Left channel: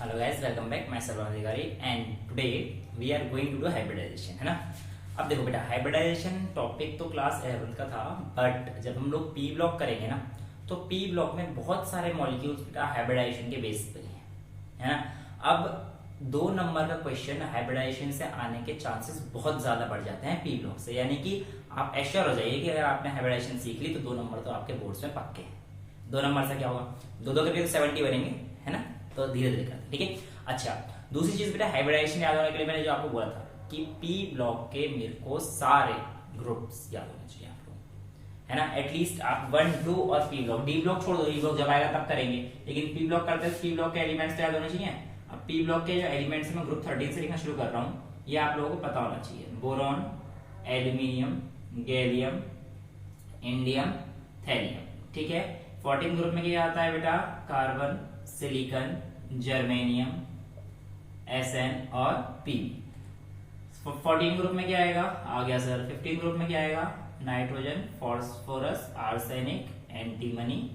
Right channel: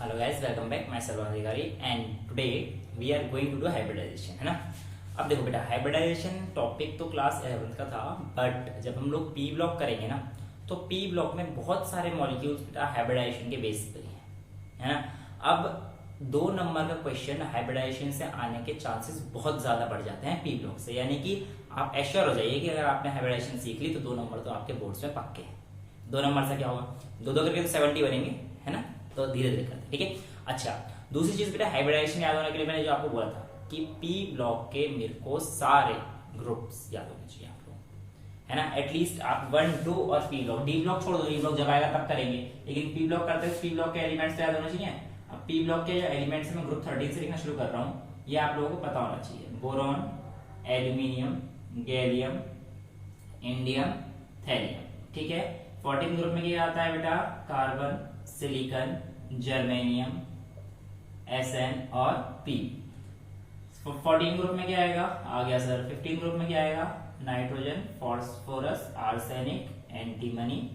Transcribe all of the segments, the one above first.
Hello guys, welcome back. मैं Sarvan Adhikari and today we are going to do hybridisation, है ना। अब देखो बेटा, हाइब्रिडाइजेशन टॉपिक तो क्लास 11 का था, बट जब हम लोग पी ब्लॉक करेंगे ना, तो पी ब्लॉक में बहुत सारे मॉलिक्यूल्स बेटा हाइब्रिडाइजेशन के बेस पे है ना। अब 2 नंबर का क्वेश्चन हाइब्रिडाइजेशन से आने के चांसेस बहुत ज्यादा बढ़ जाते हैं पी ब्लॉक से, यानी कि आप एश्योर हो जाइए कि अगर आपने हाइब्रिडाइजेशन सीख ली तो 2 नंबर तो आपके बोर्ड्स में पक्के हैं। 2 नंबर से क्या होगा, 2-2 करके तो 70 बनेंगे, है ना। तो धीरे धीरे करते, ठीक है। अच्छा, दूसरी चीज बेटा, हाइब्रिडाइजेशन याद होने के लिए मैंने जो आपको बोला था कि पी ब्लॉक के मेरे को सारे ग्रुप्स याद होने चाहिए आपको, है ना। एटलीस्ट आप 1, 2 और पी ब्लॉक, डी ब्लॉक छोड़ दो, डी ब्लॉक जब आएगा तब करेंगे, लेकिन पी ब्लॉक करते हैं पी ब्लॉक के एलिमेंट्स तो याद होने चाहिए। अब पी ब्लॉक के जो एलिमेंट्स मैं ग्रुप 13 से लिखना शुरू कर रहा हूँ, ये आप लोगों को पता होना चाहिए। Boron, aluminium, gallium, indium, thallium, ठीक है। 14 ग्रुप में क्या आता है बेटा, कार्बन, सिलिकॉन, जर्मेनियम, Sn और P। 14 ग्रुप में क्या आएगा, आ गया सर। 15 ग्रुप में क्या आएगा, nitrogen, phosphorus, arsenic, antimony,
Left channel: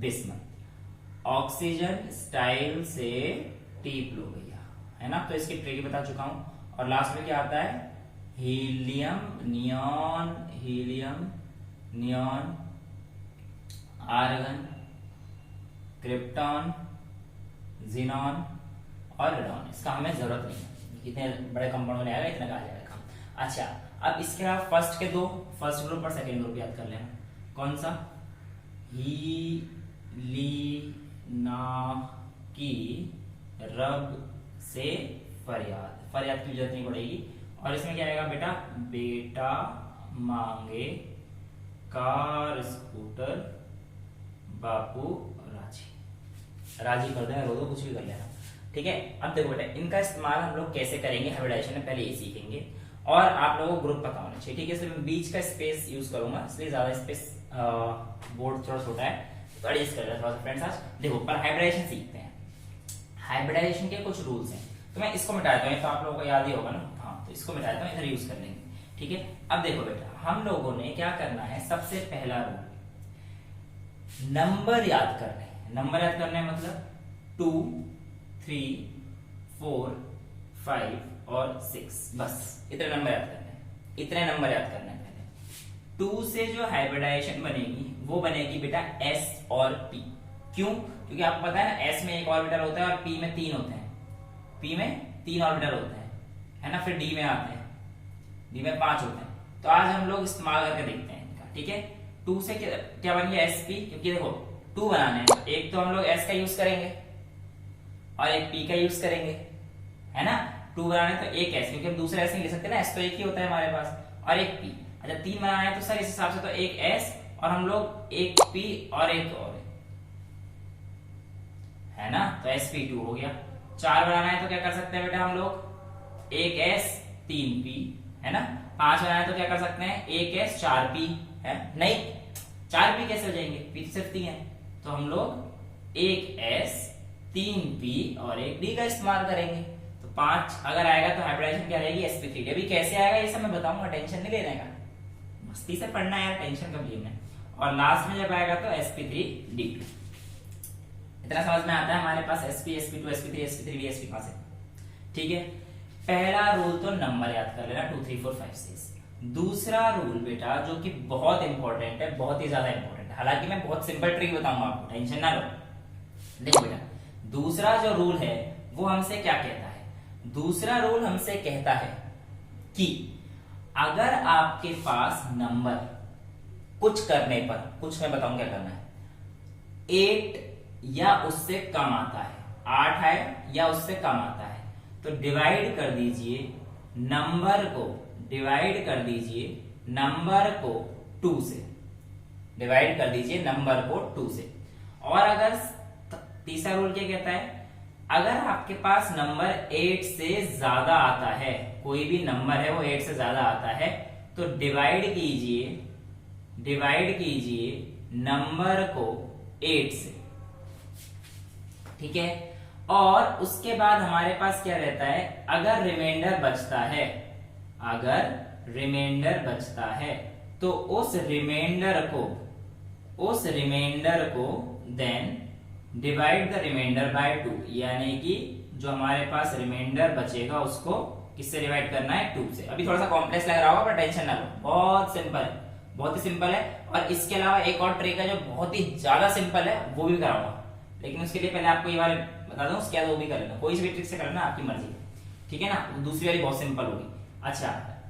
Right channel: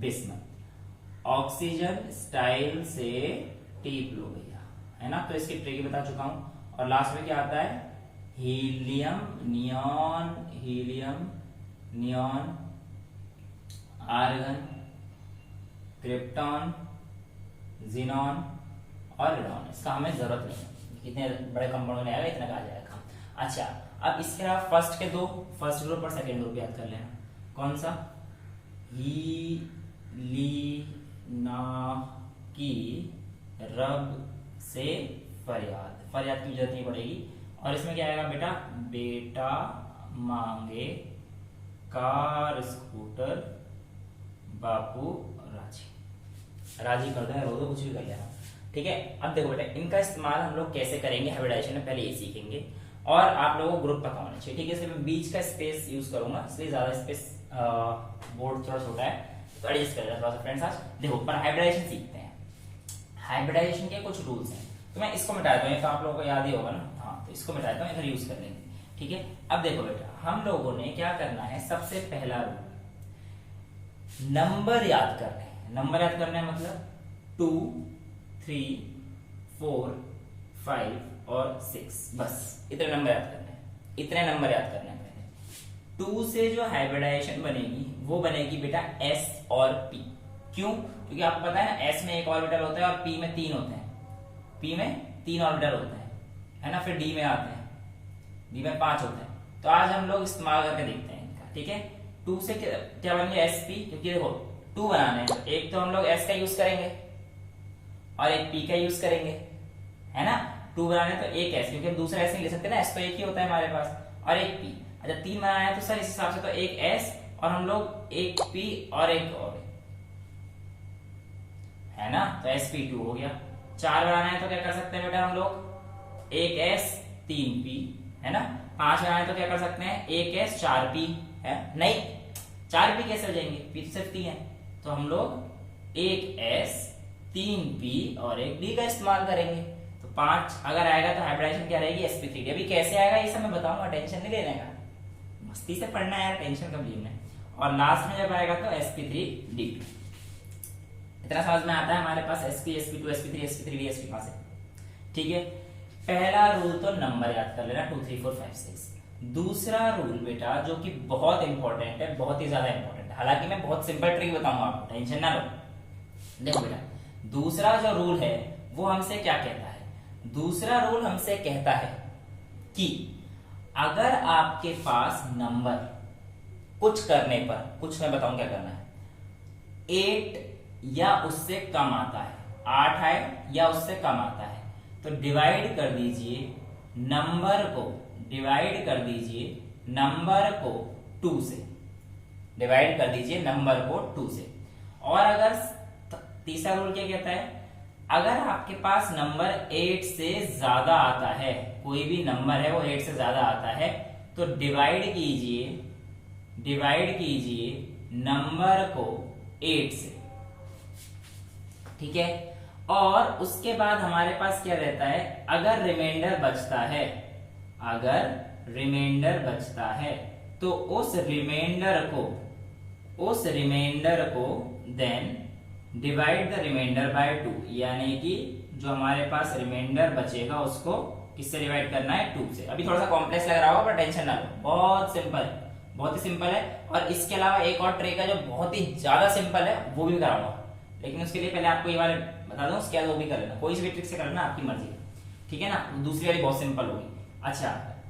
bismuth. Oxygen style से टीप लो भैया, है ना। तो इसकी ट्रिक बता चुका हूं। और लास्ट में क्या आता है, helium, neon, neon, argon, krypton, xenon और रेडॉन। इसका हमें जरूरत नहीं है, इतने बड़े कंपाउंड में आएगा, इतना का आ जाएगा। अच्छा, अब इसके अलावा फर्स्ट के 2, फर्स्ट ग्रुप और सेकंड ग्रुप याद कर लेना। कौन सा, ही, ली, ना, की, रब से फरियाद, फरियाद की जरूरत नहीं पड़ेगी। और इसमें क्या आएगा बेटा, बेटा मांगे कार, स्कूटर, बापू राजी, राजी कर देना, रो दो, कुछ भी कर लेना, ठीक है। अब देखो बेटा, इनका इस्तेमाल हम लोग कैसे करेंगे हाइब्रिडाइजेशन में, पहले ये सीखेंगे। और आप लोगों को ग्रुप पता होना चाहिए, ठीक है। सिर्फ बीच का स्पेस यूज करूंगा, इसलिए ज्यादा स्पेस, बोर्ड थोड़ा छोटा है तो एडजस्ट कर थोड़ा सा फ्रेंड्स। आज देखो, पर हाइब्रिडाइजेशन सीखते हैं। हाइब्रिडाइजेशन के कुछ रूल्स हैं, तो मैं इसको मिटा देता हूँ, तो आप लोगों को याद ही होगा ना। हाँ, तो इसको मिटा देता हूँ, इधर यूज कर लेंगे, ठीक है। अब देखो बेटा, हम लोगों ने क्या करना है, सबसे पहला रूल नंबर याद करना है। नंबर याद करना है मतलब 2, 3, 4, 5 और 6, बस इतने नंबर याद करने हैं, इतने नंबर याद करने हैं। पहले 2 से जो हाइब्रिडाइजेशन बनेगी वो बनेगी बेटा S और P। क्यों, क्योंकि आपको पता है ना, S में 1 ऑर्बिटल होता है और P में 3 होते हैं, P में 3 ऑर्बिटल होते हैं, है ना। फिर D में आते हैं, D में 5 होते हैं। तो आज हम लोग इस्तेमाल करके देखते हैं इनका, ठीक है। 2 से क्या बन गया, SP, क्योंकि देखो 2 बनाने हैं, तो एक तो हम लोग S का यूज करेंगे और एक P का यूज करेंगे, है ना। 2 बनाने तो एक S, क्योंकि हम दूसरा S नहीं ले सकते ना, S तो एक ही होता है हमारे पास, और एक P। अच्छा, 3 बनाना है तो सर इस हिसाब से तो एक S और हम लोग एक P और एक और, है ना। तो sp2 हो गया। 4 बनाना है तो क्या कर सकते हैं बेटा हम लोग, एक S 3 P, है ना। 5 बनाना है तो क्या कर सकते हैं, एक S 4 P, है नहीं, 4 P कैसे हो जाएंगे, P सिर्फ 3 है, तो हम लोग एक S 3 P और एक D का इस्तेमाल करेंगे। तो 5 अगर आएगा तो हाइब्रिडाइजेशन क्या रहेगी, sp3। अभी कैसे आएगा ये सब मैं बताऊंगा, टेंशन नहीं लेने का, मस्ती से पढ़ना है, टेंशन कब लेना है। और लास्ट में जब आएगा तो sp3d। इतना समझ में आता है हमारे पास, sp, sp2, sp3, sp3d, sp पास है, ठीक है। पहला रूल तो नंबर याद कर लेना, 2, 3, 4, 5, 6। दूसरा रूल बेटा जो कि बहुत इंपॉर्टेंट है, बहुत ही ज्यादा इंपॉर्टेंट है, हालांकि मैं बहुत सिंपल ट्रिक बताऊंगा आपको, टेंशन ना लो। देखो बेटा, दूसरा जो रूल है वो हमसे क्या कहता है, दूसरा रूल हमसे कहता है कि अगर आपके पास नंबर कुछ करने पर, कुछ मैं बताऊं क्या करना है, 8 या उससे कम आता है, 8 है या उससे कम आता है, तो डिवाइड कर दीजिए नंबर को, डिवाइड कर दीजिए नंबर को 2 से, डिवाइड कर दीजिए नंबर को 2 से। और अगर तीसरा रूल क्या कहता है, अगर आपके पास नंबर 8 से ज्यादा आता है, कोई भी नंबर है वो 8 से ज्यादा आता है, तो डिवाइड कीजिए नंबर को 8 से, ठीक है। और उसके बाद हमारे पास क्या रहता है, अगर रिमाइंडर बचता है, अगर रिमाइंडर बचता है तो उस रिमाइंडर को then divide the remainder by 2, यानी कि जो हमारे पास रिमाइंडर बचेगा उसको किससे डिवाइड करना है, 2 से। अभी थोड़ा सा कॉम्प्लेक्स लग रहा होगा पर टेंशन ना लो, बहुत सिंपल है, बहुत ही सिंपल है। और इसके अलावा एक और ट्रिक है जो बहुत ही ज्यादा सिंपल है, वो भी कराऊंगा, लेकिन उसके लिए पहले आपको ये वाले बता दूं, उसके बाद वो भी कर लेना, कोई सी भी ट्रिक से करना आपकी मर्जी, ठीक है ना। दूसरी वाली बहुत सिंपल होगी। अच्छा,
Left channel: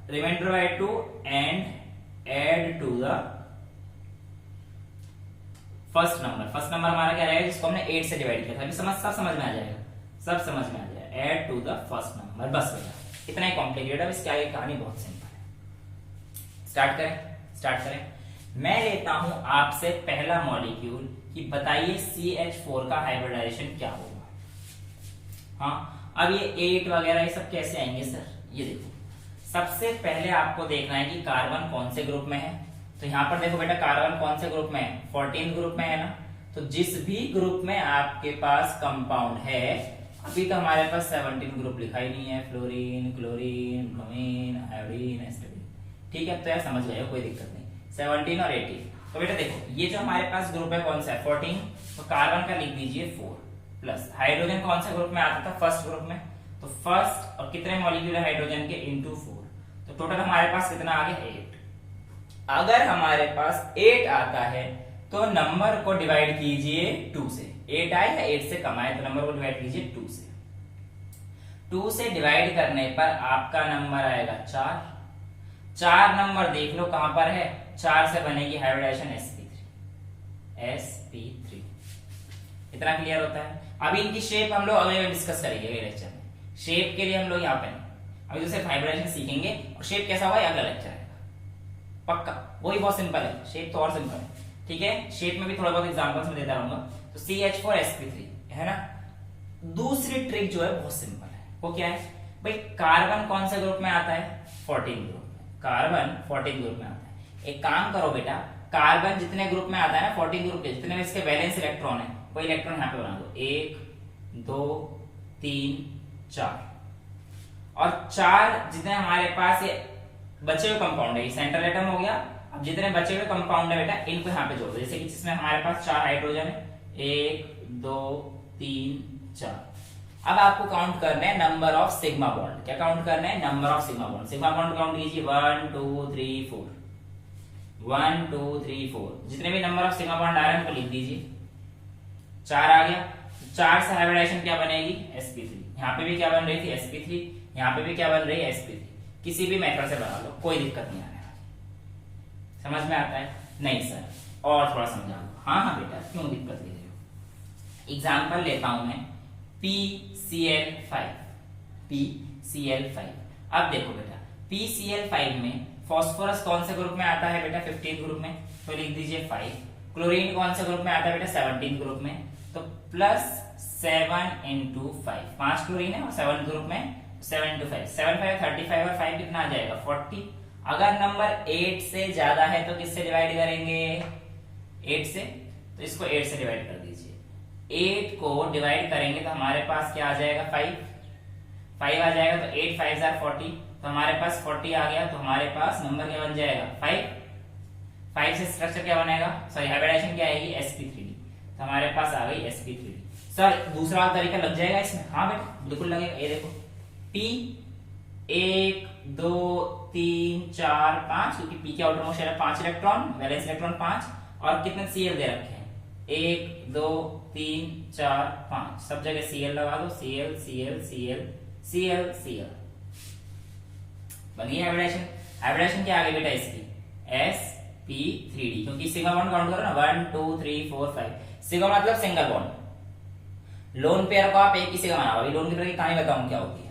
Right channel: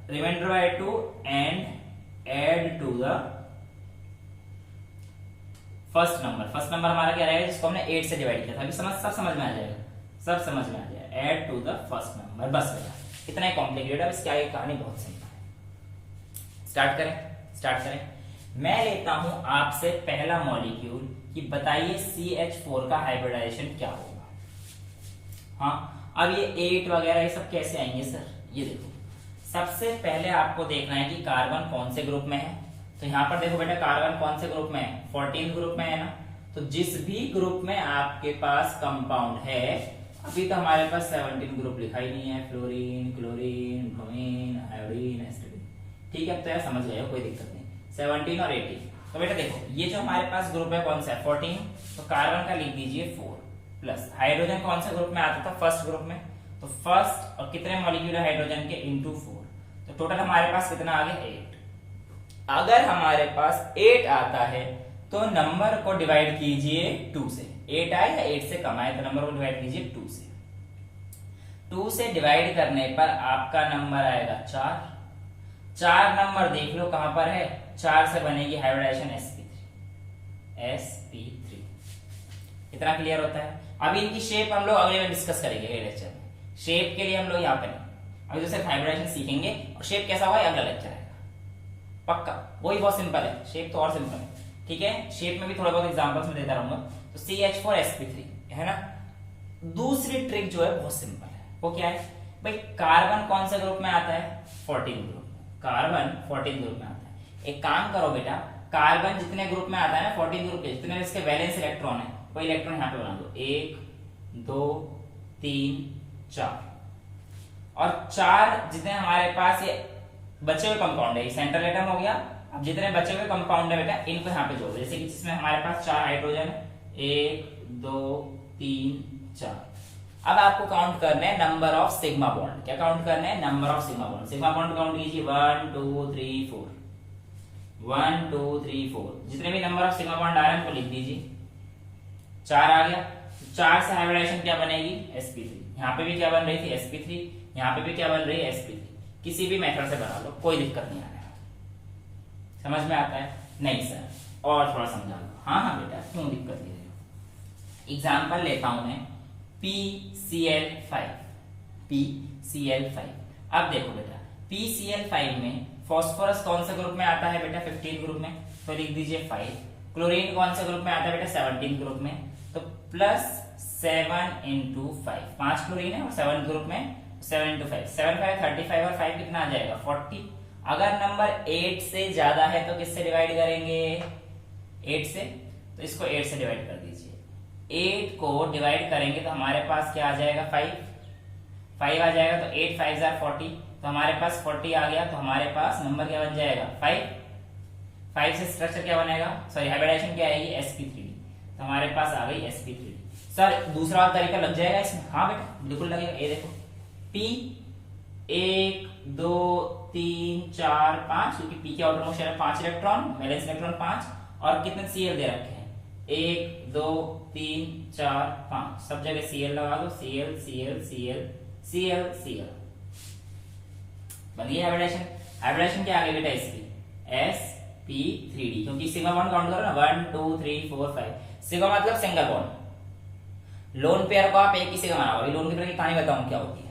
remainder by 2 and add to the first number. First number हमारा क्या रहेगा, जिसको हमने 8 से डिवाइड किया था। अभी सब समझ में आ जाएगा, सब समझ में आ जाएगा। Add to the first number, बस भैया इतना ही कॉम्प्लिकेटेड है, इसकी आगे कहानी बहुत सिंपल है। स्टार्ट करें। मैं लेता हूं आपसे पहला मॉलिक्यूल कि बताइए CH4 का हाइब्रिडाइजेशन क्या होगा। हाँ, अब ये 8 वगैरह ये सब कैसे आएंगे सर, ये देखो, सबसे पहले आपको देखना है कि कार्बन कौन से ग्रुप में है। तो यहां पर देखो बेटा, कार्बन कौन से ग्रुप में है, 14 ग्रुप में है ना। तो जिस भी ग्रुप में आपके पास कंपाउंड है, अभी तो हमारे पास 17 ग्रुप लिखा ही नहीं है, फ्लोरीन, क्लोरीन, ब्रोमीन, आयोडीन, एस्टाडीन, ठीक है। तो यार समझ गए हो, कोई दिक्कत नहीं, 17 और 18। तो बेटा देखो, ये जो हमारे पास ग्रुप है कौन सा है, 14, तो कार्बन का लिख दीजिए 4 प्लस हाइड्रोजन कौन से ग्रुप में आता था, फर्स्ट ग्रुप में। तो फर्स्ट और कितने मॉलिक्यूल है हाइड्रोजन के, इंटू 4, तो टोटल हमारे पास कितना आ गया, 8। अगर हमारे पास 8 आता है तो नंबर को डिवाइड कीजिए 2 से। 8 आए या 8 से कम आए तो नंबर को डिवाइड कीजिए 2 से। 2 से डिवाइड करने पर आपका नंबर आएगा 4। 4 नंबर देख लो कहां पर है, 4 से बनेगी हाइब्रिडाइजेशन sp3। इतना क्लियर होता है। अभी इनकी शेप हम लोग अगले में डिस्कस करेंगे लेक्चर में, शेप के लिए हम लोग यहाँ पे अभी तो सिर्फ हाइब्रिडाइजेशन सीखेंगे, और शेप कैसा होगा अगला लेक्चर है पक्का। वही बहुत सिंपल है, शेप तो और सिंपल है, ठीक है। शेप में भी थोड़ा बहुत एग्जांपल्स में देता रहूंगा। तो CH4 sp3 है ना। दूसरी ट्रिक जो है बहुत सिंपल है, वो क्या है भाई, कार्बन कौन से ग्रुप में आता है, 14 ग्रुप में। कार्बन 14 ग्रुप में आता है। एक काम करो बेटा, कार्बन जितने ग्रुप में आता है ना, 14 ग्रुप के जितने इसके वैलेंस इलेक्ट्रॉन है, वो इलेक्ट्रॉन यहाँ पे बना दो, 1 2 3 4। और 4 जितने हमारे पास ये बचे हुए कंपाउंड है, सेंट्रल एटम हो गया। अब जितने बचे हुए कंपाउंड है बेटा, इनको यहाँ पे जोड़ दो, जैसे कि जिसमें हमारे पास 4 हाइड्रोजन है, 1 2 3 4। अब आपको काउंट करना है नंबर ऑफ सिग्मा बॉन्ड। क्या काउंट करना है, number of sigma bond. Sigma bond count कीजिए, 1 2 3 4, 1 2 3 4। जितने भी नंबर ऑफ सिग्मा बॉन्ड आ रहे हैं उनको लिख दीजिए। 4 आ गया, 4 से हाइब्रिडाइजेशन क्या बनेगी, sp3। यहाँ पे भी क्या बन रही थी, sp3, यहाँ पे भी क्या बन रही है, sp3। किसी भी मेथड से बना लो, कोई दिक्कत नहीं आने वाली। समझ में आता है, नहीं सर और थोड़ा समझा लो। हाँ बेटा, क्यों दिक्कत ले रहे हो। एग्जाम्पल लेता हूं मैं PCl5। अब देखो बेटा, PCl5 में फॉस्फोरस कौन से ग्रुप में आता है बेटा, 15 ग्रुप में, तो लिख दीजिए 5। क्लोरीन कौन से ग्रुप में आता है बेटा, 17 ग्रुप में, तो प्लस 7 इंटू 5। 5 क्लोरीन है और 7 ग्रुप में, 7 इंटू 5, 7 5 35 और 5 कितना आ जाएगा, 40। अगर नंबर 8 से ज्यादा है तो किससे डिवाइड करेंगे, 8 से। तो इसको 8 से डिवाइड कर दीजिए। 8 को डिवाइड करेंगे तो हमारे पास क्या आ जाएगा, 5 आ जाएगा। तो 8 5 40, तो हमारे पास 40 आ गया। तो हमारे पास नंबर क्या बन जाएगा, 5 से स्ट्रक्चर क्या बनेगा, सॉरी हाइब्रिडाइजेशन क्या आएगी, sp3। तो हमारे पास आ गई sp3। सर दूसरा तरीका लग जाएगा इसमें, हाँ बेटा बिल्कुल लगेगा। ये देखो, P 1 2 3 4 5, क्योंकि P के आउटर मोस्ट है 5 इलेक्ट्रॉन, वैलेंस इलेक्ट्रॉन 5, और कितने Cl दे रखे हैं, 1 2 3 4 5, सब जगह Cl लगा दो, Cl Cl Cl Cl Cl। बनी हाइब्रिडेशन। हाइब्रिडेशन क्या आ गई बेटा इसकी, sp3d, क्योंकि सिग्मा बॉन्ड काउंट करो ना, 1 2 3 4 5। सिग्मा मतलब सिंगल बॉन्ड। लोन पेयर को आप एक ही सिग्मा बनाओ। लोन की कहानी बताऊं क्या होती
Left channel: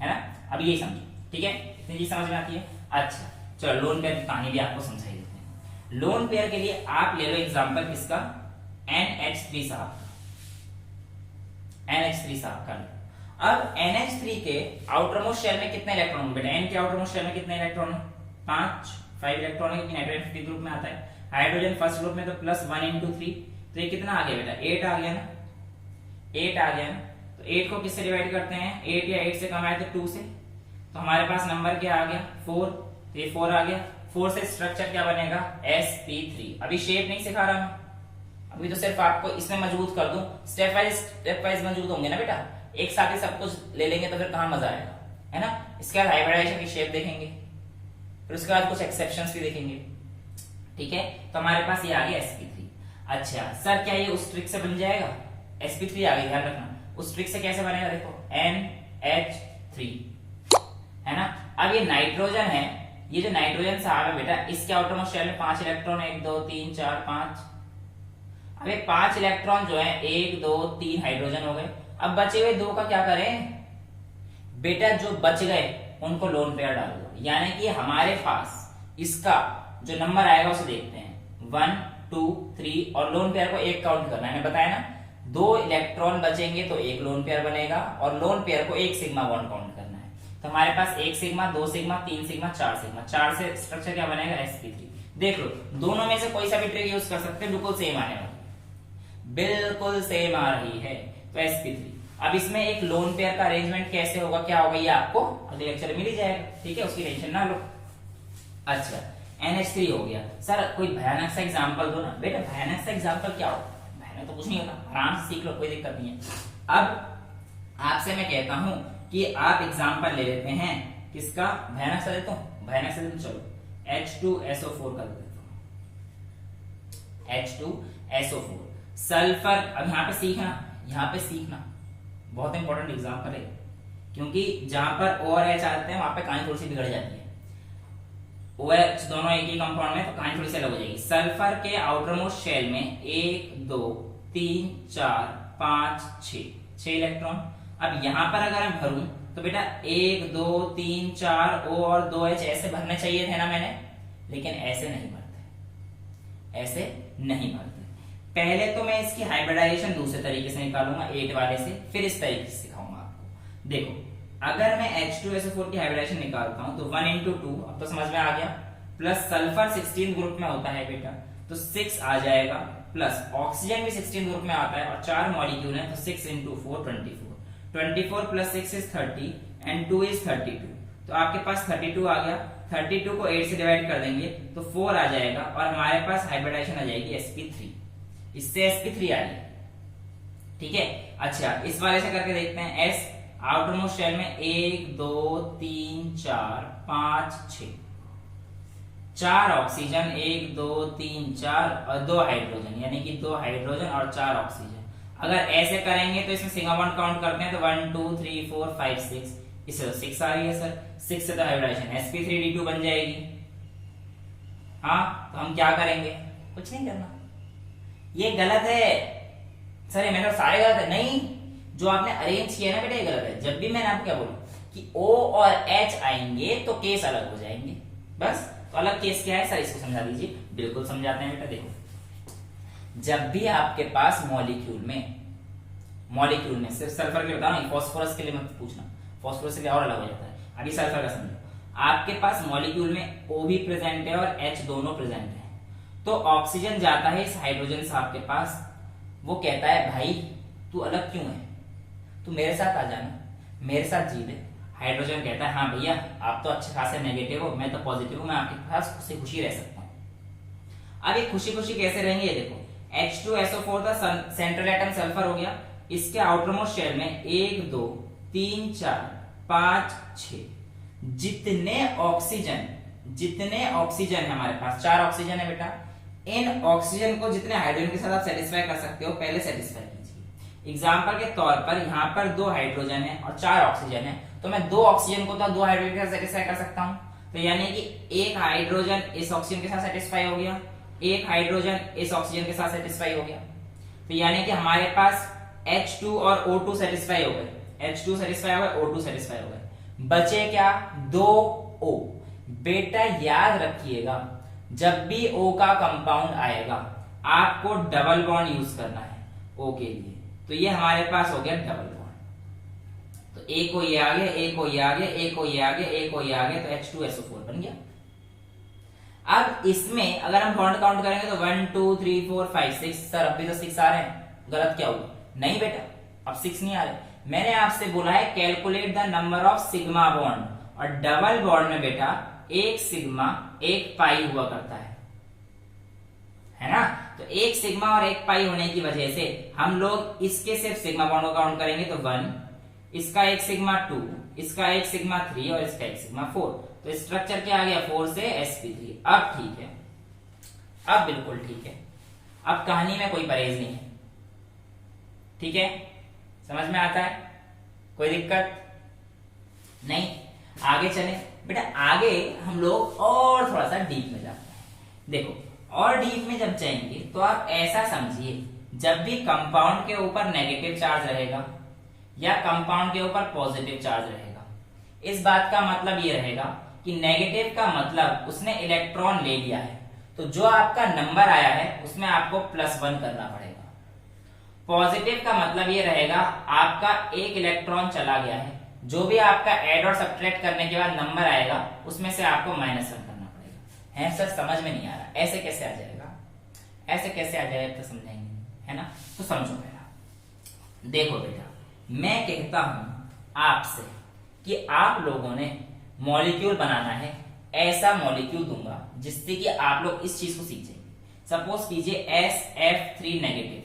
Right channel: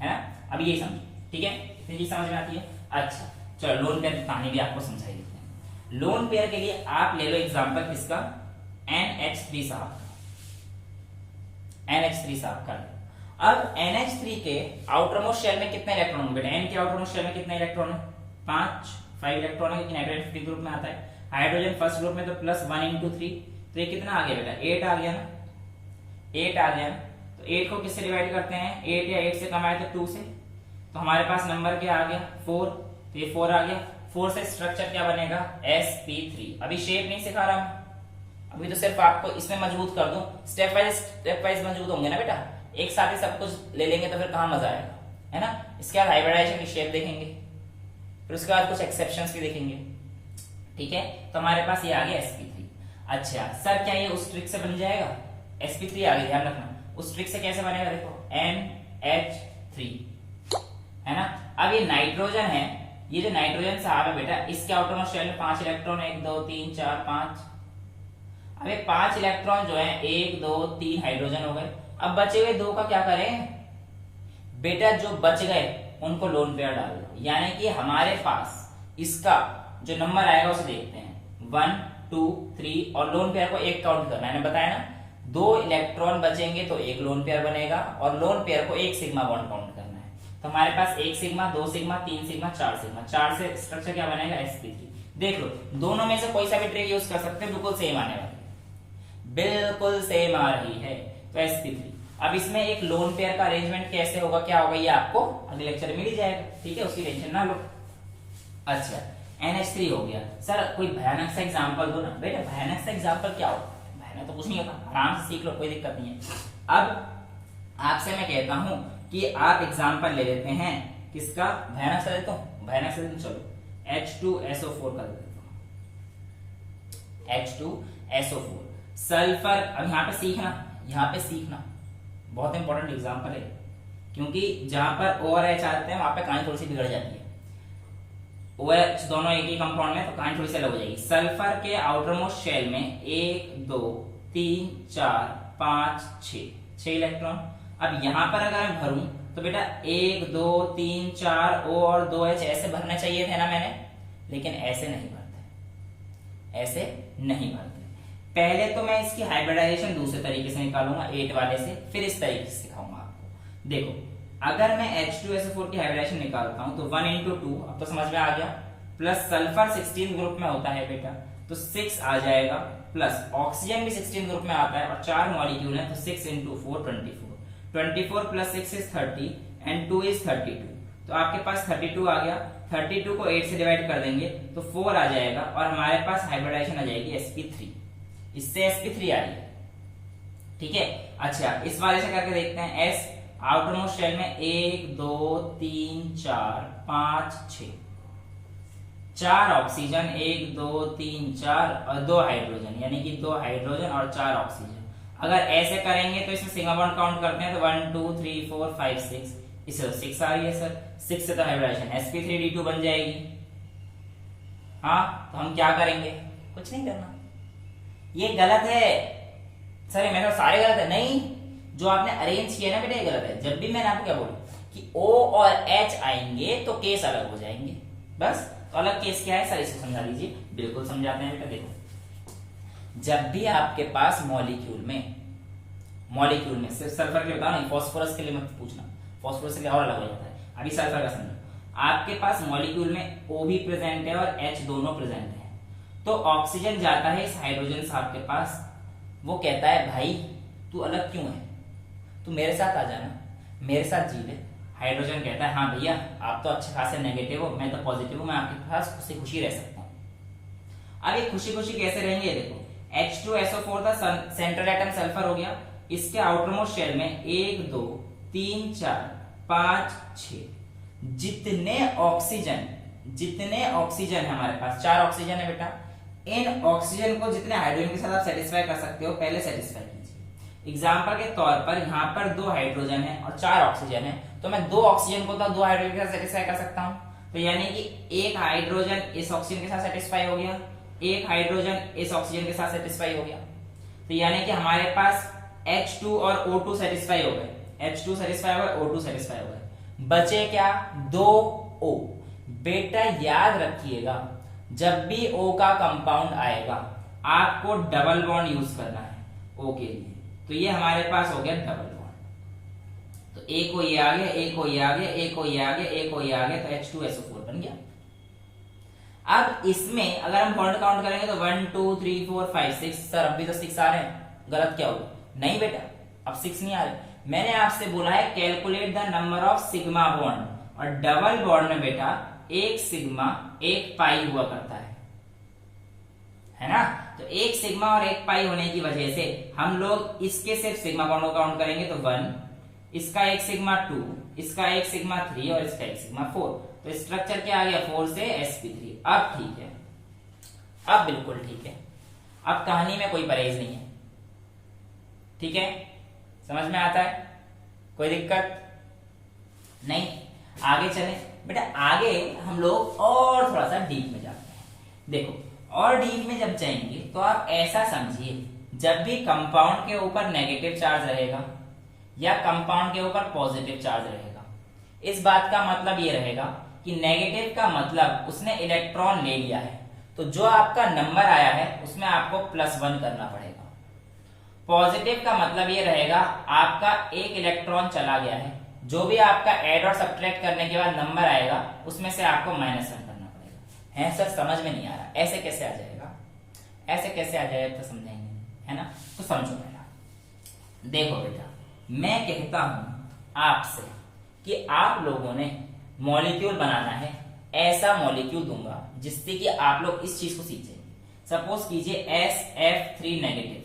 है ना। अभी यही समझिए, ठीक है, इतनी चीज समझ में आती है। अच्छा चलो, लोन पेयर की कहानी भी आपको समझाई देते हैं। लोन पेयर के लिए आप ले लो एग्जांपल किसका, NH3 साहब का। अब NH3 के आउटर मोस्ट शेल में कितने इलेक्ट्रॉन होंगे बेटा, N के आउटर मोस्ट शेल में कितने इलेक्ट्रॉन है, 5 इलेक्ट्रॉन है, क्योंकि नाइट्रोजन 50 ग्रुप में आता है। हाइड्रोजन फर्स्ट ग्रुप में, तो प्लस 1 इंटू 3, तो ये कितना आ गया बेटा, 8 आ गया ना, 8 आ गया। तो 8 को किससे डिवाइड करते हैं, 8 या 8 से कम आए तो 2 से। तो हमारे पास नंबर क्या आ गया, 4। तो ये 4 आ गया। 4 से स्ट्रक्चर क्या बनेगा, sp3। अभी शेप नहीं सिखा रहा मैं, अभी तो सिर्फ आपको इसमें मजबूत कर दूं। स्टेप वाइज मजबूत होंगे ना बेटा। एक साथ ही सब कुछ ले लेंगे तो फिर कहाँ मजा आएगा, है ना। इसके बाद हाइब्रिडाइजेशन की शेप देखेंगे, फिर उसके बाद कुछ एक्सेप्शंस भी देखेंगे, ठीक है। तो हमारे पास ये आ गया sp3। अच्छा सर क्या ये उस ट्रिक से बन जाएगा, sp3 आ गया, ध्यान रखना उस ट्रिक से कैसे बनेगा, देखो NH3, है ना। अब ये नाइट्रोजन है, ये जो नाइट्रोजन साहब है बेटा, इसके आउटरमोस्ट शेल में 5 इलेक्ट्रॉन, 1 2 3 4 5। अब ये 5 इलेक्ट्रॉन जो है 1 2 3 हाइड्रोजन हो गए। अब बचे हुए 2 का क्या करें बेटा, जो बच गए उनको लोन पेयर डाल दो, यानी कि हमारे पास इसका जो नंबर आएगा उसे देखते हैं 1 2 3 और लोन पेयर को एक काउंट करना है, मैंने बताया ना 2 इलेक्ट्रॉन बचेंगे तो एक लोन पेयर बनेगा और लोन पेयर को एक सिग्मा बॉन्ड काउंट करना है। तो हमारे पास 1 सिग्मा 2 सिग्मा 3 सिग्मा 4 सिग्मा, 4 से स्ट्रक्चर क्या बनेगा sp3। देख लो दोनों में से कोई सा भी ट्रिक यूज कर सकते हैं, बिल्कुल सेम आने वाली, बिल्कुल सेम आ रही है। तो sp3। अब इसमें एक लोन पेयर का अरेंजमेंट कैसे होगा, क्या होगा, ये आपको अगले लेक्चर में मिल ही जाएगा, ठीक है, उसकी टेंशन ना लो। अच्छा NH3 हो गया। सर कोई भयानक सा एग्जांपल दो ना बेटा, भयानक सा एग्जांपल क्या होगा, भयानक तो कुछ नहीं होता, आराम से सीख लो, कोई दिक्कत नहीं है। अब आपसे मैं कहता हूं कि आप एग्जांपल ले लेते हैं, किसका, भयानक सा लेता हूं, भयानक सा लेते, चलो H2SO4 कर देता हूं, H2SO4 सल्फर। अब यहाँ पे सीखना बहुत इंपॉर्टेंट एग्जांपल है, क्योंकि जहां पर O और H आते हैं वहां पे कहानी थोड़ी सी बिगड़ जाती है। OH दोनों एक ही कंपाउंड में, तो कहानी थोड़ी सी अलग हो जाएगी। सल्फर के आउटर मोस्ट शेल में 1 2 3 4 5 6 इलेक्ट्रॉन। अब यहां पर अगर मैं भरूं तो बेटा 1 2 3 4 O और 2H ऐसे भरने चाहिए थे ना मैंने, लेकिन ऐसे नहीं भरते, ऐसे नहीं भरते। पहले तो मैं इसकी हाइब्रिडाइजेशन दूसरे तरीके से निकालूंगा 8 वाले से, फिर इस तरीके से सिखाऊंगा आपको। देखो अगर मैं H2SO4 की हाइब्रिडाइजेशन निकालता हूं तो 1 into 2, अब तो समझ में आ गया, प्लस सल्फर 16 ग्रुप में होता है बेटा तो 6 आ जाएगा, प्लस ऑक्सीजन भी 16 ग्रुप में आता है और 4 मॉलिक्यूल है तो 6 into 4 24 plus 6 is 30 and 2 is 32, तो आपके पास 32 आ गया। 32 को 8 से डिवाइड कर देंगे तो 4 आ जाएगा और हमारे पास हाइब्रिडाइजेशन आ जाएगी sp3, इससे sp3 आ गई, ठीक है। अच्छा इस वाले से करके देखते हैं, S आउटर मोस्ट शेल में 1 2 3 4 5 6, 4 ऑक्सीजन 1 2 3 4 और 2 हाइड्रोजन, यानी कि 2 हाइड्रोजन और 4 ऑक्सीजन। अगर ऐसे करेंगे तो इसमें सिग्मा बॉन्ड काउंट करते हैं तो 1 2 3 4 5 6, इससे तो 6 आ रही है सर, 6 से तो हाइब्रिडाइजेशन sp3d2 बन जाएगी। हाँ तो हम क्या करेंगे, कुछ नहीं करना, ये गलत है सर, ये मेरे सारे गलत है, नहीं जो आपने अरेंज किया ना बेटा ये गलत है। जब भी मैंने आपको क्या बोला कि O और H आएंगे तो केस अलग हो जाएंगे, बस। तो अलग केस क्या है सर, इसको समझा दीजिए। बिल्कुल समझाते हैं बेटा, देखो जब भी आपके पास मॉलिक्यूल में सिर्फ सल्फर के लिए बताओ, नहीं फॉस्फोरस के लिए मत पूछना, फॉस्फोरस से क्या और अलग हो जाता है, अभी सल्फर का समझो। आपके पास मॉलिक्यूल में O भी प्रेजेंट है और H दोनों प्रेजेंट है, तो ऑक्सीजन जाता है इस हाइड्रोजन साहब के पास, वो कहता है भाई तू अलग क्यों है, तू मेरे साथ आ जाना, मेरे साथ जी ले। हाइड्रोजन कहता है हाँ भैया आप तो अच्छे खासे नेगेटिव हो, मैं तो पॉजिटिव हूं, मैं आपके पास खुशी खुशी रह सकता हूं। अब ये खुशी खुशी कैसे रहेंगे, देखो H2SO4 था, सेंट्रल एटम सल्फर हो गया, इसके आउटर मोस्ट शेल में 1 2 3 4 5 6, जितने ऑक्सीजन है हमारे पास, 4 ऑक्सीजन है बेटा, इन ऑक्सीजन को जितने हाइड्रोजन के साथ आप सेटिस्फाई कर सकते हो पहले सेटिस्फाई कीजिए। एग्जांपल के तौर पर यहाँ पर 2 हाइड्रोजन है और 4 ऑक्सीजन है, तो मैं 2 ऑक्सीजन को तो 2 हाइड्रोजन के साथ सेटिस्फाई कर सकता हूँ, तो यानी कि एक हाइड्रोजन इस ऑक्सीजन के साथ सेटिस्फाई हो गया, एक हाइड्रोजन इस ऑक्सीजन के साथ सेटिस्फाई हो गया, तो यानी कि हमारे पास H2 और O2 सेटिस्फाई हो गए, H2 सेटिस्फाई हो गए, O2 सेटिस्फाई हो गए, बचे क्या 2 O। बेटा याद रखिएगा जब भी O का कंपाउंड आएगा आपको डबल बॉन्ड यूज करना है O के लिए, तो ये हमारे पास हो गया डबल बॉन्ड, तो एक को ये आ गया, एक को ये आ गया, एक को ये आ गया, एक को ये आ गया, तो H2SO4 बन गया। अब इसमें अगर हम बॉन्ड काउंट करेंगे तो 1 2 3 4 5 6, सर अब भी तो 6 आ रहे हैं, गलत क्या हुआ, नहीं बेटा अब 6 नहीं आ रहे। मैंने आपसे बोला है calculate the number of sigma bond, और डबल बॉन्ड में बेटा एक सिग्मा एक पाई हुआ करता है ना, तो एक सिग्मा और एक पाई होने की वजह से हम लोग इसके सिर्फ सिग्मा बॉन्ड को काउंट करेंगे तो 1 इसका एक सिग्मा 2, इसका एक सिग्मा 3 और इसका एक सिग्मा 4। तो स्ट्रक्चर क्या आ गया 4 से sp3। अब ठीक है, अब बिल्कुल ठीक है, अब कहानी में कोई परहेज नहीं है। ठीक है, समझ में आता है, कोई दिक्कत नहीं। आगे चले बेटा, आगे हम लोग और थोड़ा सा डीप में जाते हैं। देखो, और डीप में जब जाएंगे तो आप ऐसा समझिए, जब भी कंपाउंड के ऊपर नेगेटिव चार्ज रहेगा या कंपाउंड के ऊपर पॉजिटिव चार्ज रहेगा, इस बात का मतलब ये रहेगा कि नेगेटिव का मतलब उसने इलेक्ट्रॉन ले लिया है, तो जो आपका नंबर आया है उसमें आपको +1 करना पड़ेगा। पॉजिटिव का मतलब ये रहेगा आपका एक इलेक्ट्रॉन चला गया है, जो भी आपका ऐड और सब्ट्रैक्ट करने के बाद नंबर आएगा उसमें से आपको -1 करना पड़ेगा। है सर, समझ में नहीं आ रहा, ऐसे कैसे आ जाएगा, ऐसे कैसे आ जाएगा, तो समझेंगे, है ना। तो समझो मेरा, देखो बेटा, मैं कहता हूं आपसे कि आप लोगों ने मॉलिक्यूल बनाना है, ऐसा मॉलिक्यूल दूंगा जिससे कि आप लोग इस चीज को सीखें। सपोज कीजिए SF3 नेगेटिव,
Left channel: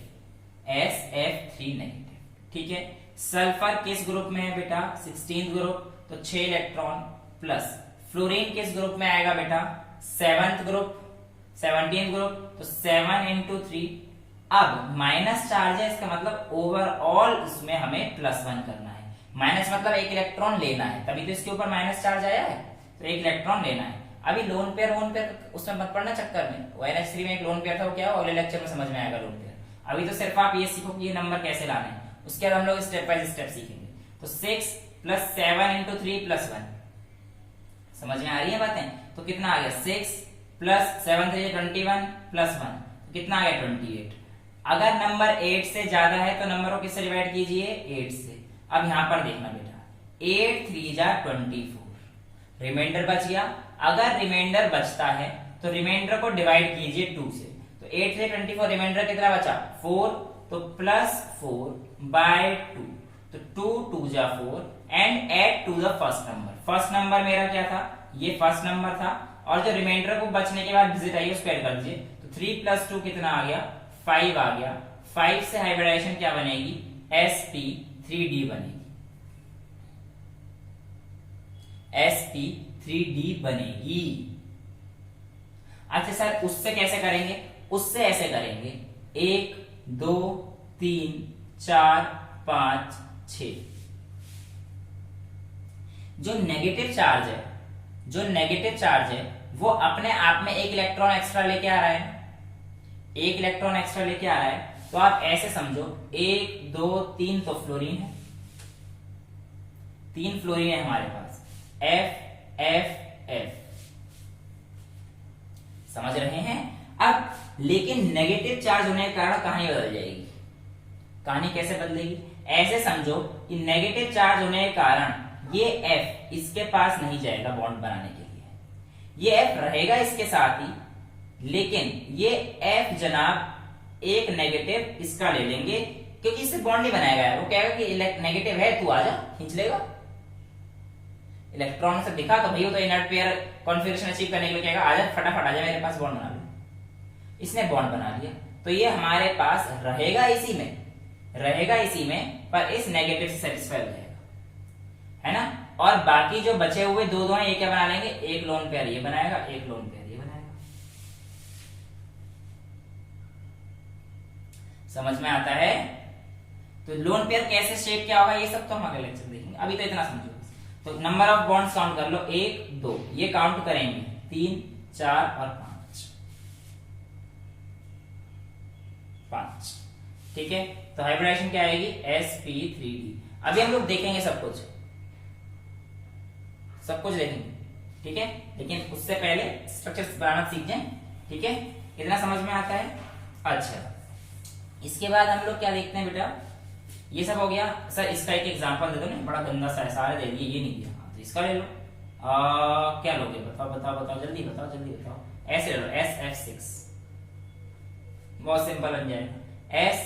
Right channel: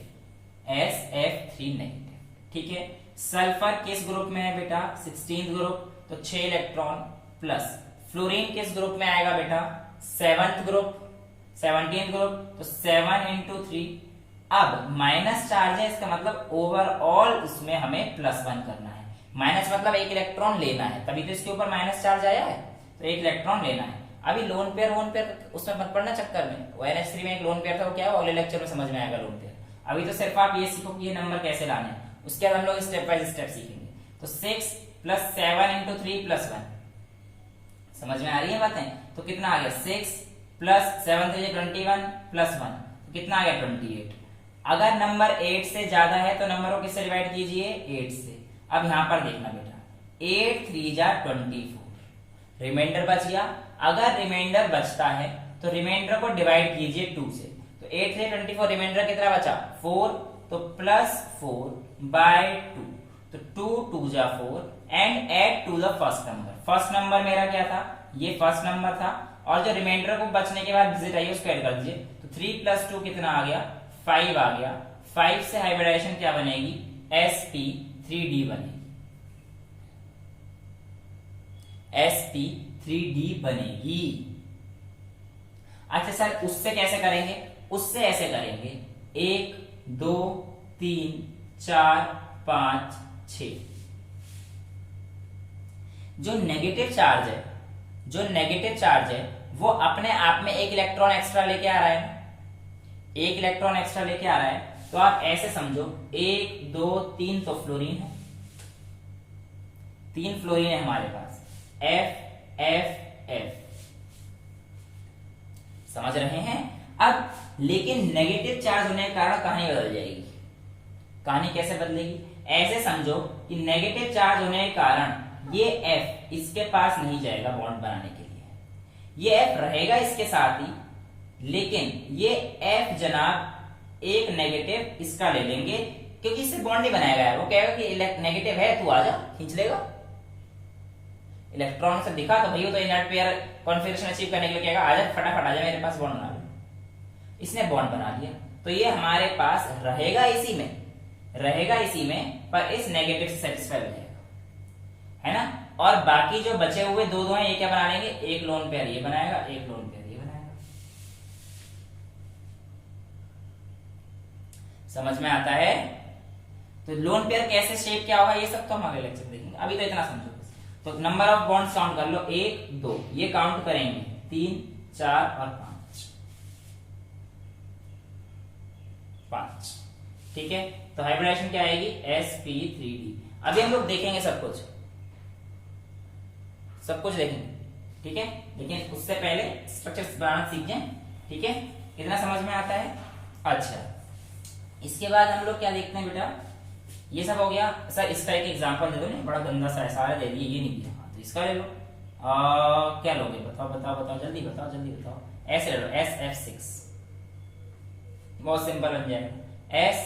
SF3 नेगेटिव, ठीक है। सल्फर किस ग्रुप में है बेटा, 16th ग्रुप, तो 6 इलेक्ट्रॉन प्लस। फ्लोरीन किस ग्रुप में आएगा बेटा, 7th ग्रुप, 17th ग्रुप, तो 7 into 3। अब माइनस चार्ज है, इसका मतलब ओवरऑल इसमें हमें +1 करना है। माइनस मतलब एक इलेक्ट्रॉन लेना है, तभी तो इसके ऊपर माइनस चार्ज आया है, तो एक इलेक्ट्रॉन लेना है। अभी लोन पेयर उसमें मत पड़ना चक्कर में, ONH3 में एक लोन पेयर था, वो क्या है अगले लेक्चर में समझ में आएगा लोन पेयर। अभी तो सिर्फ आप ये सीखो कि ये नंबर कैसे लाने हैं, उसके बाद हम लोग स्टेप बाय स्टेप सीखेंगे। तो 6 + 7 into 3 + 1, समझ में आ रही है बातें। तो कितना आ गया, 6 + 7 3 21 + 1, कितना आ गया 28। अगर नंबर 8 से ज्यादा है तो नंबर को किससे डिवाइड कीजिए, 8 से। अब यहां पर देखना बेटा, 8 3 जा 24, रिमाइंडर बच गया। अगर रिमाइंडर बचता है तो रिमाइंडर को डिवाइड कीजिए 2 से, तो 8 3 24, रिमाइंडर कितना बचा 4, तो +4/2, तो 2 2 जा 4 and add to the first number. First number मेरा क्या था, ये फर्स्ट नंबर था, और जो रिमाइंडर को बचने के बाद डिजिट आई उसको ऐड कर दीजिए, तो 3 + 2 कितना आ गया, 5 आ गया। 5 से हाइब्रिडाइजेशन क्या बनेगी, sp3d बनेगी, sp3d बनेगी। अच्छा सर, उससे कैसे करेंगे, उससे ऐसे करेंगे, 1 2 3 4 5 6। जो नेगेटिव चार्ज है वो अपने आप में एक इलेक्ट्रॉन एक्स्ट्रा लेके आ रहा है, एक इलेक्ट्रॉन एक्स्ट्रा लेके आ रहा है। तो आप ऐसे समझो, 1 2 3 तो फ्लोरीन है, 3 फ्लोरीन है हमारे पास, F F F, समझ रहे हैं। अब लेकिन नेगेटिव चार्ज होने के कारण कहानी बदल जाएगी। कहानी कैसे बदलेगी, ऐसे समझो कि नेगेटिव चार्ज होने के कारण ये F इसके पास नहीं जाएगा बॉन्ड बनाने के लिए, ये F रहेगा इसके साथ ही, लेकिन ये F जनाब एक नेगेटिव इसका ले लेंगे, क्योंकि इससे बॉन्ड नहीं बनाएगा। वो कहेगा कि नेगेटिव है, तू आजा, खींच लेगा। इलेक्ट्रॉन से दिखा तो भैया, तो इनर्ट पेयर कॉन्फिगरेशन अचीव करने के लिए कहेगा आजा, फटाफट आजा मेरे पास बॉन्ड बना ले। इसने बॉन्ड बना लिया, तो ये हमारे पास रहेगा इसी में, पर इस नेगेटिव से सेटिस्फाई हो जाएगा, है ना। और बाकी जो बचे हुए दो हैं, ये क्या बना लेंगे, एक लोन पेयर ये बनाएगा, एक लोन पेयर ये बनाएगा। समझ में आता है। तो लोन पेयर कैसे शेप क्या होगा, ये सब तो हम अगले लेक्चर देखेंगे, अभी तो इतना समझो। तो नंबर ऑफ बॉन्ड्स काउंट कर लो, 1 2, ये काउंट करेंगे, 3 4 और 5, ठीक है। तो हाइब्रिडाइजेशन क्या आएगी, sp3d। अभी हम लोग देखेंगे सब कुछ देखेंगे, ठीक है। लेकिन उससे पहले स्ट्रक्चर बनाना सीख जाएं, ठीक है। इतना समझ में आता है। अच्छा, इसके बाद हम लोग क्या देखते हैं बेटा, ये सब हो गया। सर इसका एक एग्जांपल दे दो ना, बड़ा गंदा सा सारा दे दिया, ये नहीं दिया, तो इसका ले लो। क्या लोगे, बताओ जल्दी बताओ। ऐसे ले लो, SF6, बहुत सिंपल बन जाएगा। S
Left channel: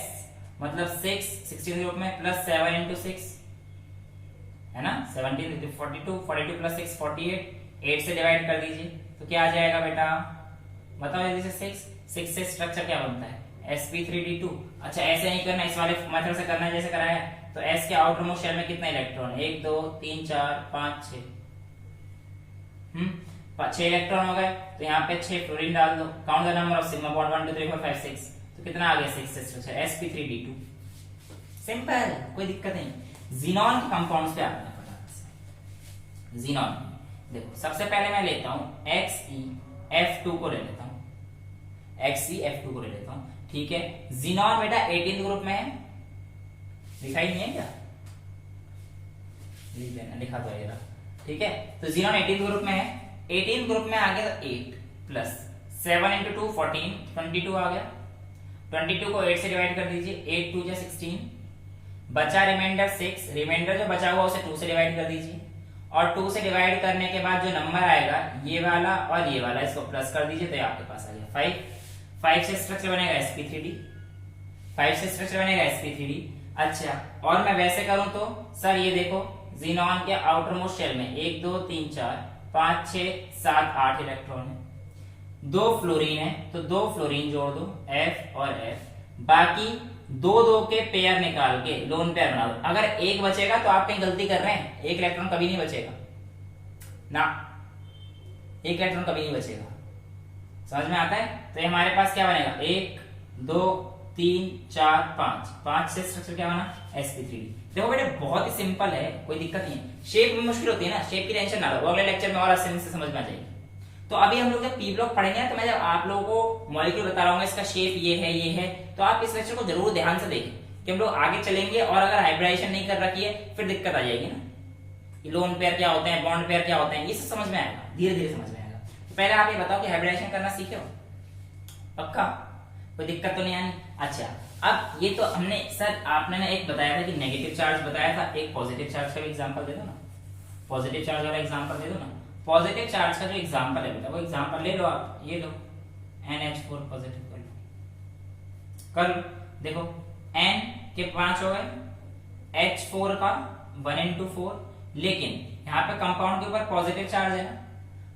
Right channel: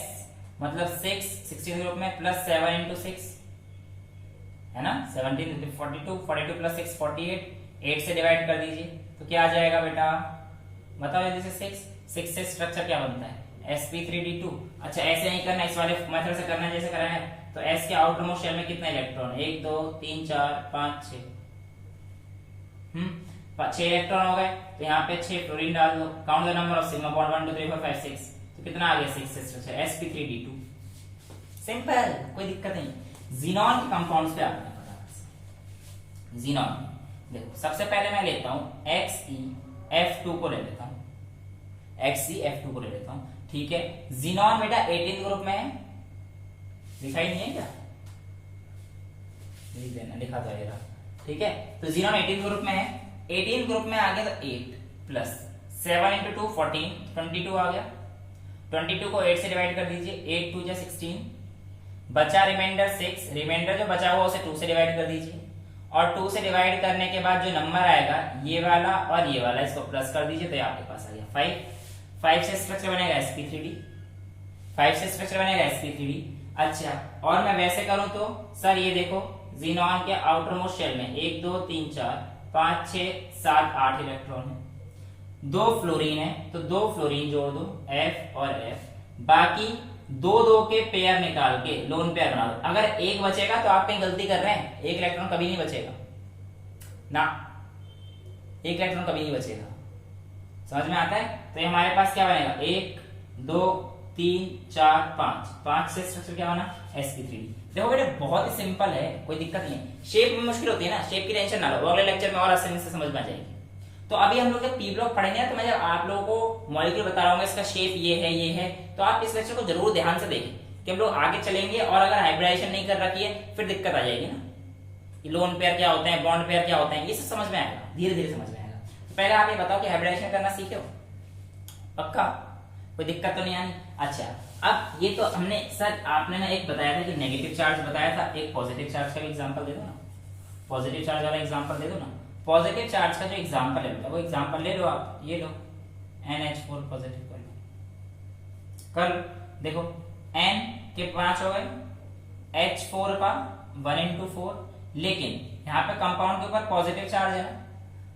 मतलब 6, 16 ग्रुप में, +7 into 6, है ना, 17 into 42, 42 + 6 48, 8 से डिवाइड कर दीजिए, तो क्या आ जाएगा बेटा, बताओ जल्दी से। 6 से स्ट्रक्चर क्या बनता है, sp3d2। अच्छा ऐसे नहीं करना, इस वाले मेथड से करना है जैसे कराया है। तो s के आउटर मोस्ट शेल में कितना इलेक्ट्रॉन है? 1 2 3 4 5 6। 6 इलेक्ट्रॉन हो गए, तो यहाँ पे 6 फ्लोरीन डाल दो। Count the number of sigma bond 1 2 3 4 5 6। तो कितना आ गया? 6 स्ट्रक्चर sp3d2। सिंपल, कोई दिक्कत नहीं। जीनॉन के कंपाउंड्स पे आपने पता। जीनॉन देखो, सबसे पहले मैं लेता हूं XeF2 को ले लेता हूं, XeF2 को ले लेता हूं, ठीक है। जीनॉन बेटा 18 ग्रुप में है, दिखाई नहीं है क्या? लिखा था ये, ठीक है। तो जीनॉन 18 ग्रुप में है। 18 ग्रुप में आ गया तो 8 प्लस 7 इंटू 2 14, 22 आ गया। 22 को 8 से डिवाइड कर दीजिए, 8 2 16, बचा रिमाइंडर 6। रिमाइंडर जो बचा हुआ उसे 2 से डिवाइड कर दीजिए, और 2 से डिवाइड करने के बाद जो नंबर आएगा ये वाला और ये वाला, इसको प्लस कर दीजिए, तो ये आपके पास आ गया 5। 5 से स्ट्रक्चर बनेगा sp3d। 5 से स्ट्रक्चर बनेगा sp3d। अच्छा, और मैं वैसे करूं तो सर ये देखो, जीनॉन के आउटर मोस्ट शेल में 1 2 3 4 5 6 7 8 इलेक्ट्रॉन है। 2 फ्लोरीन है, तो 2 फ्लोरीन जोड़ दो, F और F। बाकी 2 2 के पेयर निकाल के लोन पेयर बना दो। अगर एक बचेगा तो आप कहीं गलती कर रहे हैं, एक इलेक्ट्रॉन कभी नहीं बचेगा ना, एक इलेक्ट्रॉन कभी नहीं बचेगा। समझ में आता है? तो ये हमारे पास क्या बनेगा? 1 2 3 4 5। 5 से स्ट्रक्चर क्या बना? sp3। देखो बेटा बहुत ही सिंपल है, कोई दिक्कत नहीं है। शेप में मुश्किल होती है ना, शेप की टेंशन ना लो, अगले लेक्चर में और आसानी से समझ में आ जाएगी। तो अभी हम लोग जब पी ब्लॉक पढ़ेंगे तो मैं जब आप लोगों को मॉलिक्यूल बता रहा हूँ, इसका शेप ये है, तो आप इस लेक्चर को जरूर ध्यान से देखें कि हम लोग आगे चलेंगे, और अगर हाइब्रिडाइजेशन नहीं कर रखी है फिर दिक्कत आ जाएगी ना। लोन पेयर क्या होते हैं, बॉन्ड पेयर क्या होते हैं, ये सब समझ में आएगा, धीरे धीरे समझ में आएगा। तो पहले आप ये बताओ कि हाइब्रिडाइजेशन करना सीखे हो? पक्का? कोई दिक्कत तो नहीं आनी? अच्छा, अब ये तो हमने सर आपने ना एक बताया था कि नेगेटिव चार्ज बताया था, एक पॉजिटिव चार्ज का भी एग्जांपल दे दो ना, पॉजिटिव चार्ज वाला एग्जांपल दे दो ना। पॉजिटिव चार्ज का जो एग्जांपल है बेटा, वो एग्जांपल ले लो आप, ये लो NH4 पॉजिटिव कर लो। देखो N के 5 हो गए, H4 का 1 into 4, लेकिन यहाँ पे कंपाउंड के ऊपर पॉजिटिव चार्ज है ना,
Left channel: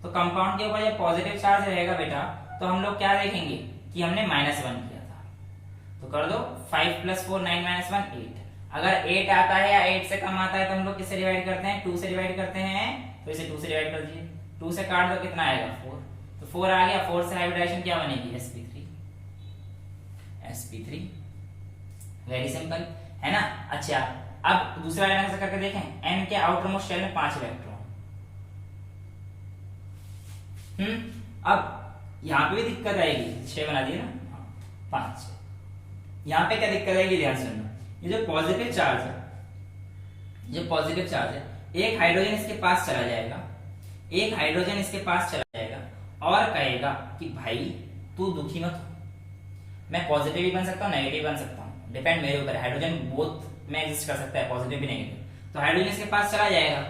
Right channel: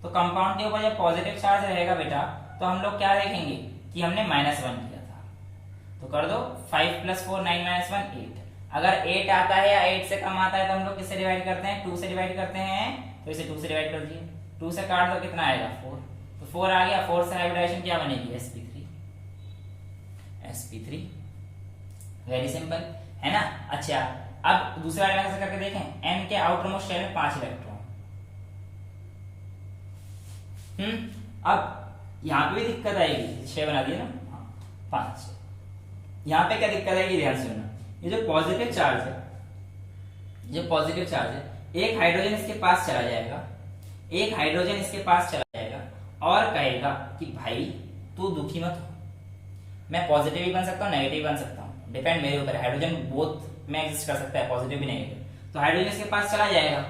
तो कंपाउंड के ऊपर जब पॉजिटिव चार्ज रहेगा बेटा, तो हम लोग क्या देखेंगे कि हमने -1 किया था। तो कर दो 5 + 4 9 - 1 8। अगर 8 आता है या 8 से कम आता है तो हम लोग किससे डिवाइड करते हैं? 2 से डिवाइड करते हैं, तो इसे 2 से डिवाइड कर दीजिए। 2 से काट दो, कितना आएगा? 4। तो 4 आ गया। 4 से हाइब्रिडाइजेशन क्या बनेगी? sp3। वेरी सिंपल है ना। अच्छा, अब दूसरा वाला से करके देखें। n के आउटर मोस्ट शेल में 5 इलेक्ट्रॉन। अब यहाँ पे भी दिक्कत आएगी, 6 बना दिए ना, 5। यहाँ पे क्या दिक्कत आएगी? ध्यान से सुनना। ये जो पॉजिटिव चार्ज है, ये पॉजिटिव चार्ज है, एक हाइड्रोजन इसके पास चला जाएगा, एक हाइड्रोजन इसके पास चला जाएगा और कहेगा कि भाई तू दुखी मत हो, मैं पॉजिटिव भी बन सकता हूँ, नेगेटिव बन सकता हूँ, डिपेंड मेरे ऊपर। हाइड्रोजन बोथ में एग्जिस्ट कर सकता है, पॉजिटिव भी नेगेटिव। तो हाइड्रोजन इसके पास चला जाएगा,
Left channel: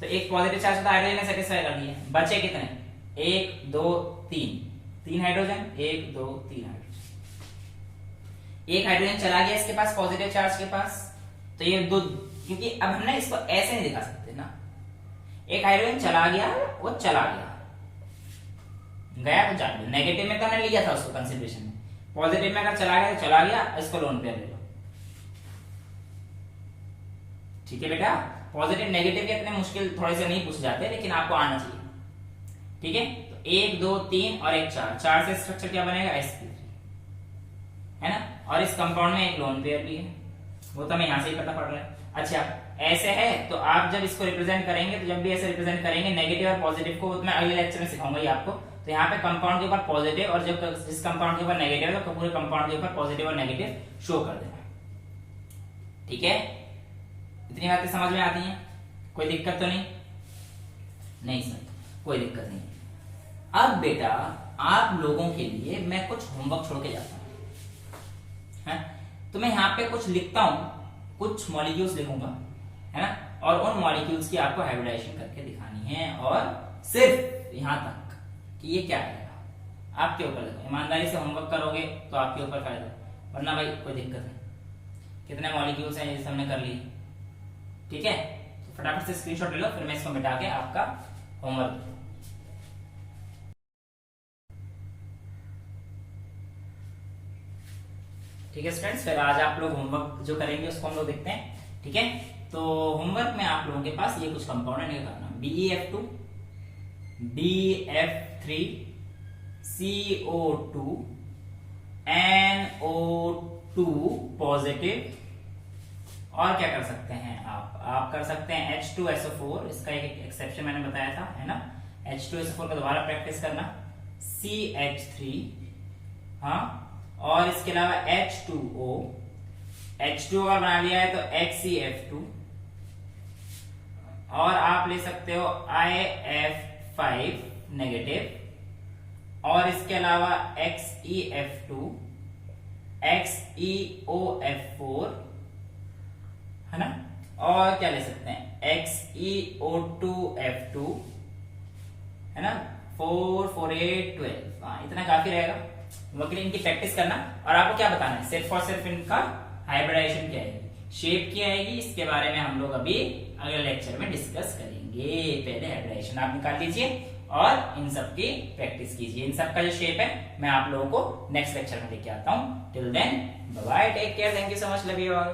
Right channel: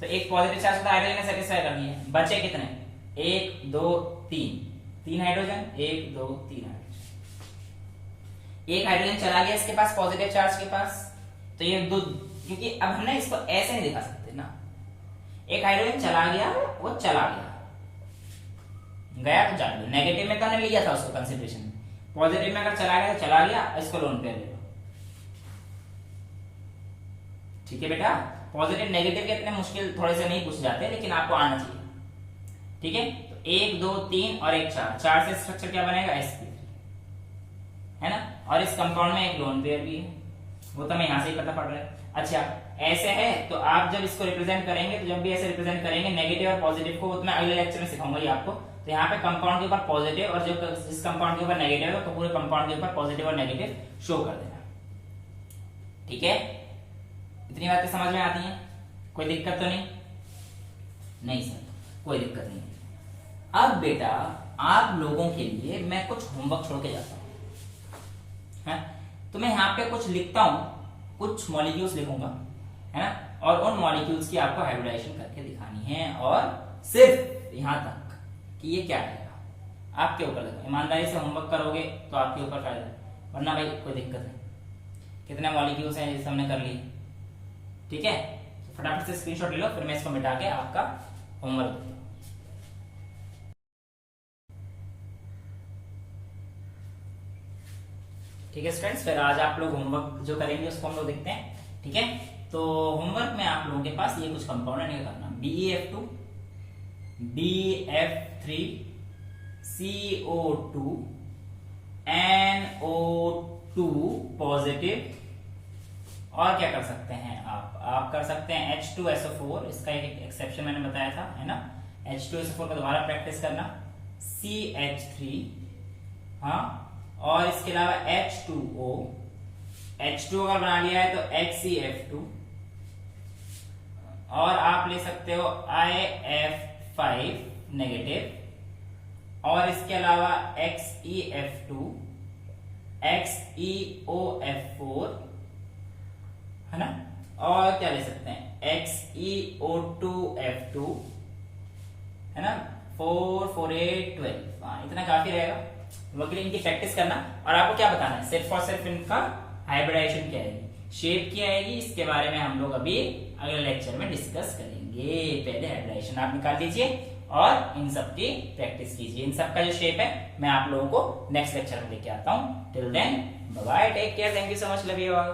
तो एक पॉजिटिव चार्ज था, हाइड्रोजन ने सेटिस्फाई कर दिया। बचे कितने? 1 2 3 हाइड्रोजन, 1 2 3 हाइड्रोजन। एक हाइड्रोजन चला गया इसके पास पॉजिटिव चार्ज के पास, तो ये दो, क्योंकि अब हमने इसको ऐसे नहीं दिखा सकते ना। एक हाइड्रोजन चला गया, वो चला गया, गया तो जान लो। नेगेटिव में करने लिया था उसको कंसिडरेशन में, पॉजिटिव में अगर चला गया तो चला गया, इसको लोन पे ले लो। ठीक है बेटा, पॉजिटिव नेगेटिव के इतने मुश्किल थोड़े से नहीं पूछे जाते, लेकिन आपको आना चाहिए। ठीक है, तो 1 2 3 और 1 4, 4 से स्ट्रक्चर क्या बनेगा? sp3 है ना। और इस कंपाउंड में एक लोन पेयर भी है, वो तो हमें यहां से ही पता पड़ रहा है। अच्छा, ऐसे है तो आप जब इसको रिप्रेजेंट करेंगे, तो जब भी ऐसे रिप्रेजेंट करेंगे नेगेटिव और पॉजिटिव को, मैं अगले लेक्चर में सिखाऊंगा ये आपको। तो यहाँ पे कंपाउंड के ऊपर पॉजिटिव और जब इस कंपाउंड के ऊपर नेगेटिव है, तो पूरे कंपाउंड के ऊपर पॉजिटिव और नेगेटिव शो कर देना। ठीक है, इतनी बातें समझ में आती हैं? कोई दिक्कत तो नहीं? नहीं सर, कोई दिक्कत नहीं। अब बेटा आप लोगों के लिए मैं कुछ होमवर्क छोड़ के जाता हूं, तो मैं यहाँ पे कुछ लिखता हूं, कुछ मॉलिक्यूल्स लिखूंगा, है ना, और उन मॉलिक्यूल्स की आपको हाइब्रिडाइजेशन करके दिखानी है, और सिर्फ यहां तक कि ये क्या है आपके ऊपर देखो। ईमानदारी से होमवर्क करोगे तो आपके ऊपर फायदा, वरना भाई कोई दिक्कत नहीं। कितने मॉलिक्यूल्स हैं जिसे हमने कर लिए? ठीक है, तो फटाफट से स्क्रीनशॉट ले लो, फिर मैं इसको मिटा के आपका होमवर्क ठीक है स्टूडेंट्स, फिर आज आप लोग होमवर्क जो करेंगे उसको हम लोग देखते हैं। ठीक है, तो होमवर्क में आप लोगों के पास ये कुछ कंपाउंड निकालना, BeF2, DF3, CO2, NO2 positive, और क्या कर सकते हैं आप कर सकते हैं H2SO4, इसका एक एक्सेप्शन मैंने बताया था, है ना। H2SO4 का दोबारा प्रैक्टिस करना, CH3, हाँ, और इसके अलावा H2O, H2O अगर बना लिया है तो HCF2, और आप ले सकते हो IF5 नेगेटिव, और इसके अलावा XeF2, XeOF4, है ना, और क्या ले सकते हैं XeO2F2, है ना, 4, 4, 8, 12, हाँ इतना काफी रहेगा। वकील इनकी प्रैक्टिस करना, और आपको क्या बताना है, सिर्फ और सिर्फ इनका हाइब्रिडाइजेशन क्या आएगी, शेप क्या आएगी, इसके बारे में हम लोग अभी अगले लेक्चर में डिस्कस करेंगे। पहले हाइब्रिडाइजेशन आप निकाल लीजिए और इन सब की प्रैक्टिस कीजिए। इन सब का जो शेप है मैं आप लोगों को नेक्स्ट लेक्चर में लेके आता हूँ। Till then bye bye, take care, thank you so much, love you all.